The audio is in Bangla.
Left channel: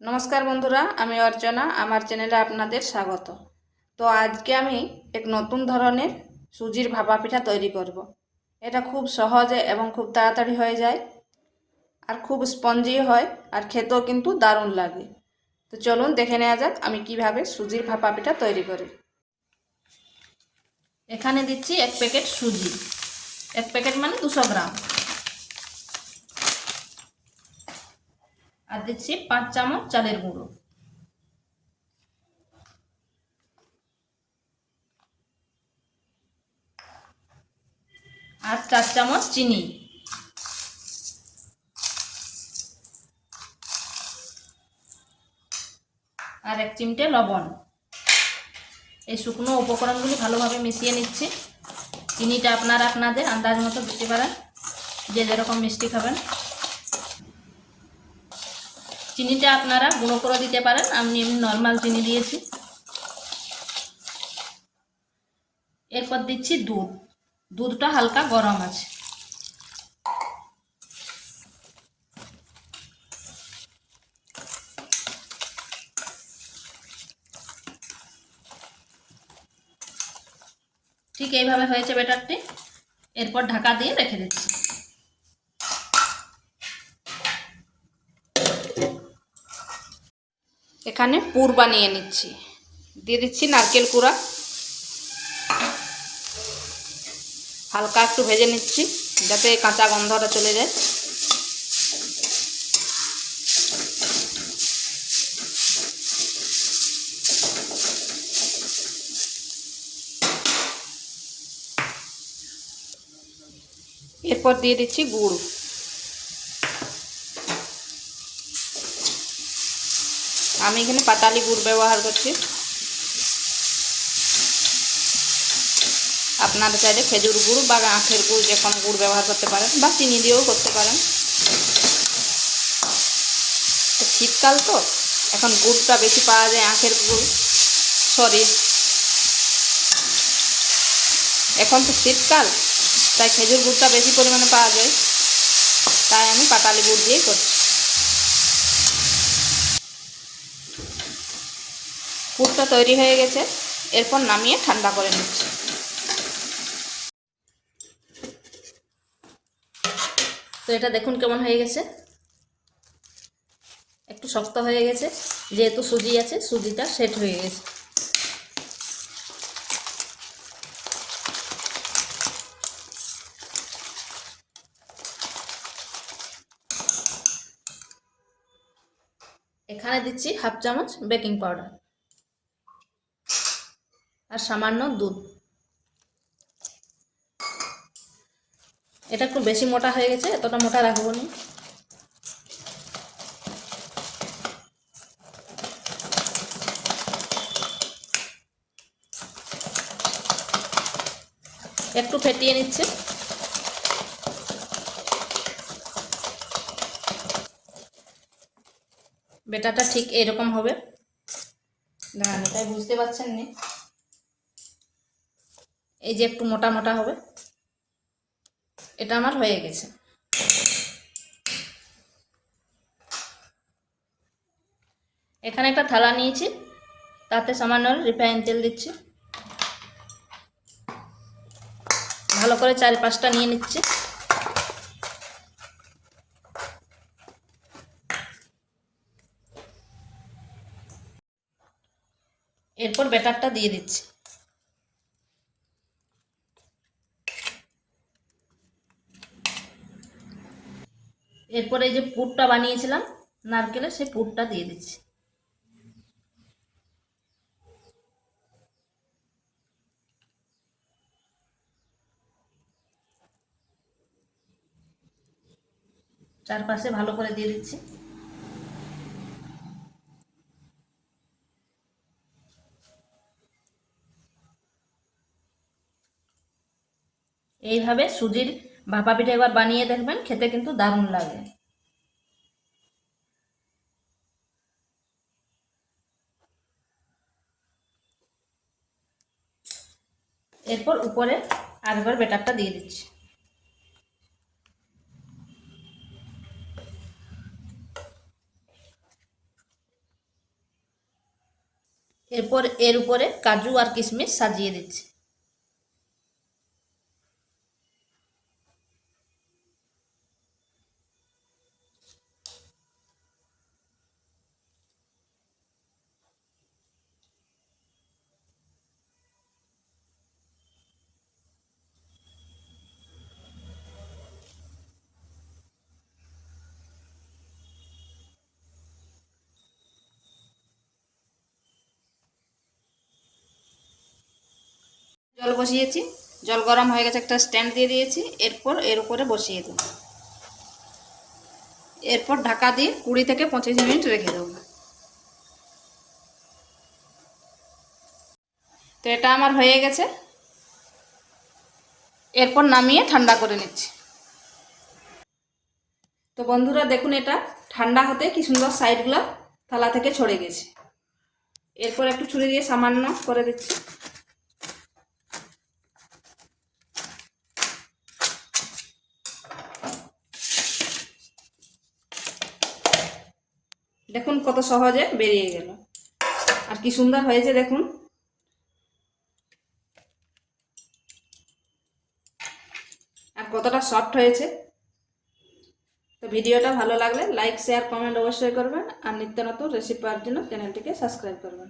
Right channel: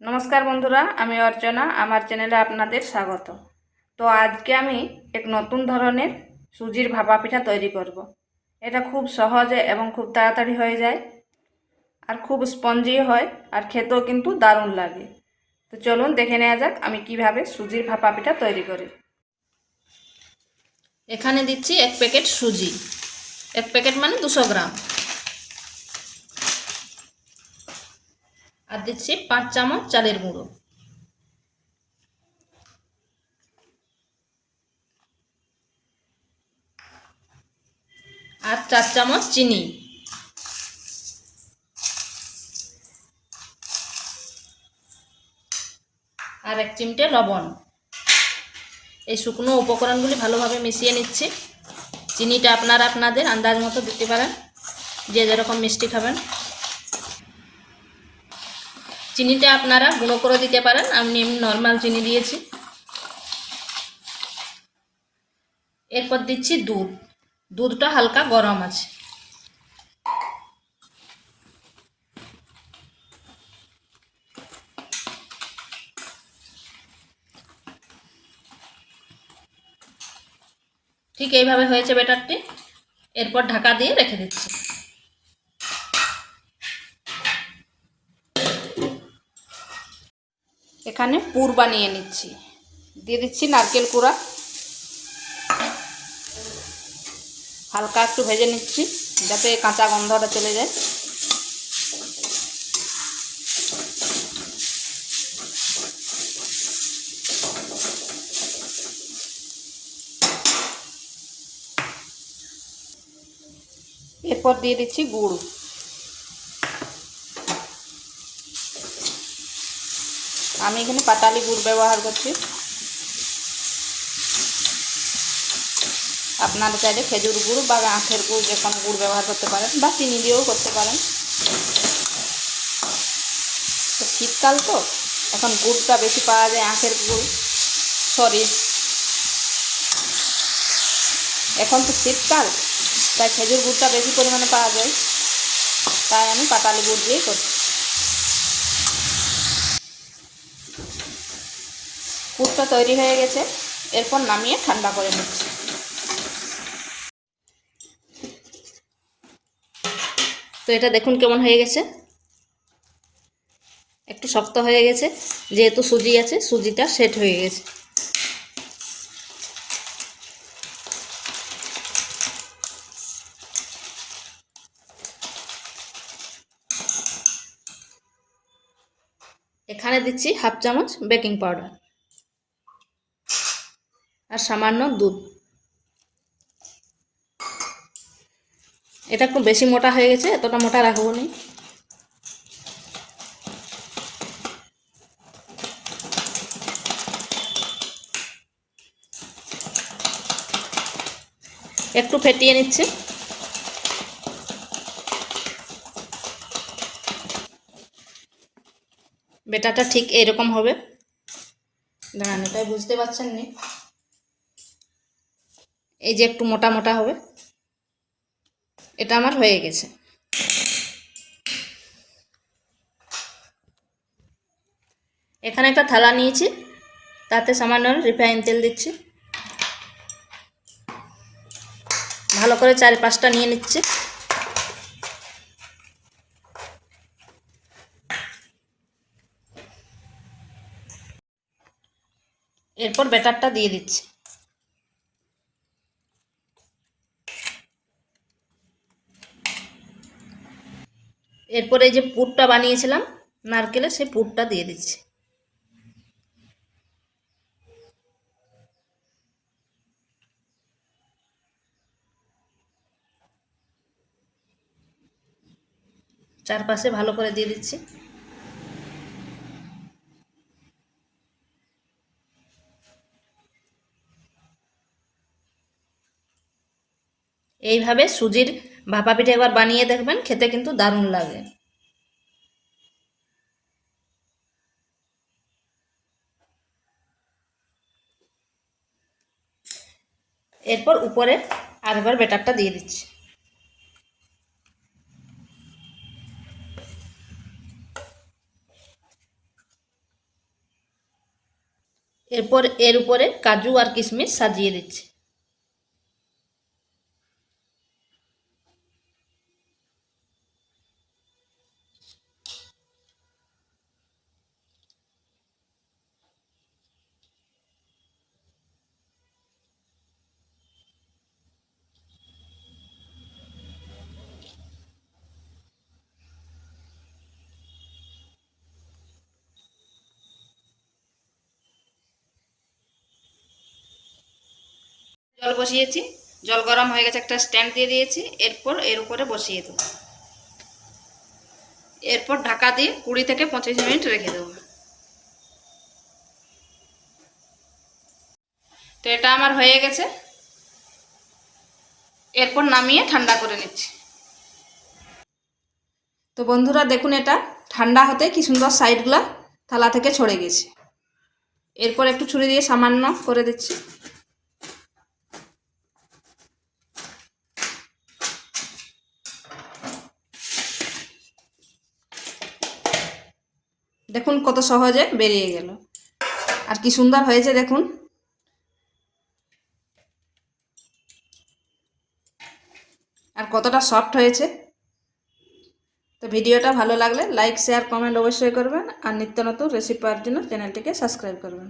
নমস্কার বন্ধুরা, আমি অর্চনা। আমার চ্যানেলে আপনাদের স্বাগত। তো আজকে আমি এক নতুন ধরনের সুজির ভাপা পিঠা তৈরি করব। এটা খুব সহজে এবং খুব তাড়াতাড়ি হয়ে যায়, আর খুব স্পঞ্জি হয়, আর খেতেও কিন্তু দারুণ লাগে। তো চলুন দেখে নেওয়া যাক আমি কিভাবে সুজির ভাপা পিঠা তৈরি করি। এখানে দিচ্ছি 1 প্যাকেট সুজি। 1 প্যাকেট মানে 200 গ্রাম। আর দিচ্ছি 5 চামচ চালের গুঁড়ো, আর 4 চামচ চিনি, আর 1 চিমটে লবণ। এই শুকনো উপকরণগুলি ভালোভাবে মিশিয়ে নিচ্ছি। চিনিটা আপনারা আপনাদের আন্দাজ মতো দিতে পারেন, যে যেরকম মিষ্টি খাবেন। চিনিটা আপনারা গুঁড়ো করে দিতে পারেন, আমি নর্মাল চিনি দিয়েছি। এরপর দিচ্ছি দুধ। দুধটা হালকা গরম আছে। ঠিক এইভাবে হয়েছে ব্যাটারটি। এরপর ঢাকা দিয়ে রেখে দিচ্ছি। এখানে পুর বানিয়ে নিচ্ছি। দিয়ে দিচ্ছি নারকেল কুড়া, হালকা একটু ভেজে নিচ্ছি যাতে কাঁচা গন্ধটা চলে যায়। এরপর দিয়ে দিচ্ছি গুড়। আমি এখানে পাটালি গুড় ব্যবহার করছি। আপনারা চাইলে খেজুর গুড় বা আখের গুড়, যে কোনো গুড় ব্যবহার করতে পারেন, বা চিনি দিয়েও করতে পারেন। তো শীতকাল তো, এখন গুড়টা বেশি পাওয়া যায়, আখের গুড়, সরি, এখন তো শীতকাল, তাই খেজুর গুড়টা বেশি পরিমাণে পাওয়া যায়, তাই আমি পাটালি গুড় দিয়েই করছি। পুরটা তৈরি হয়ে গেছে। এরপর নামিয়ে ঠান্ডা করে নিচ্ছি। তো এটা দেখুন কেমন হয়ে গেছে। একটু শক্ত হয়ে গেছে, যেহেতু সুজি আছে, সুজিটা সেট হয়ে গেছে। এখানে দিচ্ছি 1/2 চামচ বেকিং পাউডার আর সামান্য দুধ। এটা একটু বেশি মোটা হয়ে গেছে, এতটা মোটা রাখবো না। একটু ফেটিয়ে নিচ্ছি। বেটাটা ঠিক এরকম হবে। দাঁড়ান, এটাই বুঝতে পারছেন না, এই যে একটু মোটা মোটা হবে। এটা আমার হয়ে গেছে। এখানে একটা থালা নিয়েছি, তাতে সামান্য রিফাইন তেল দিচ্ছি। ভালো করে 4-5টা নিয়ে নিচ্ছি। এরপর ব্যাটারটা দিয়ে দিচ্ছি। এরপর এই যে পুরটা বানিয়েছিলাম নারকেলের, সেই পুরটা দিয়ে দিচ্ছি। চারপাশে ভালো করে দিয়ে দিচ্ছি। এইভাবে সুজির ভাপা পিঠা একবার বানিয়ে দেখবেন, খেতে কিন্তু দারুণ লাগে। এরপর উপরে আরেকবার ব্যাটারটা দিয়ে দিচ্ছি। এরপর এর উপরে কাজু আর কিশমিশ সাজিয়ে দিচ্ছি। জল বসিয়েছি, জল গরম হয়ে গেছে, একটা স্ট্যান্ড দিয়ে দিয়েছি। এরপর এর উপরে বসিয়ে দেবো। এরপর ঢাকা দিয়ে 20 থেকে 25 মিনিট রেখে দেবো। তো এটা আমার হয়ে গেছে। এরপর নামিয়ে ঠান্ডা করে নিচ্ছি। তো বন্ধুরা দেখুন, এটা ঠান্ডা হতে কি সুন্দর সাইডগুলো থালা থেকে ছড়ে গেছে। এরপর একটু ছুরি দিয়ে সামান্য করে দিচ্ছি। দেখুন কত সহজে বেরিয়ে গেল, আর কি সুন্দর হয়েছে দেখুন। আর কতটা সফট হয়েছে। তো ভিডিওটা ভালো লাগলে লাইক, শেয়ার, কমেন্ট অবশ্যই করবেন, আর নিত্য নতুন রেসিপি পাওয়ার জন্য চ্যানেলটিকে সাবস্ক্রাইব করবেন।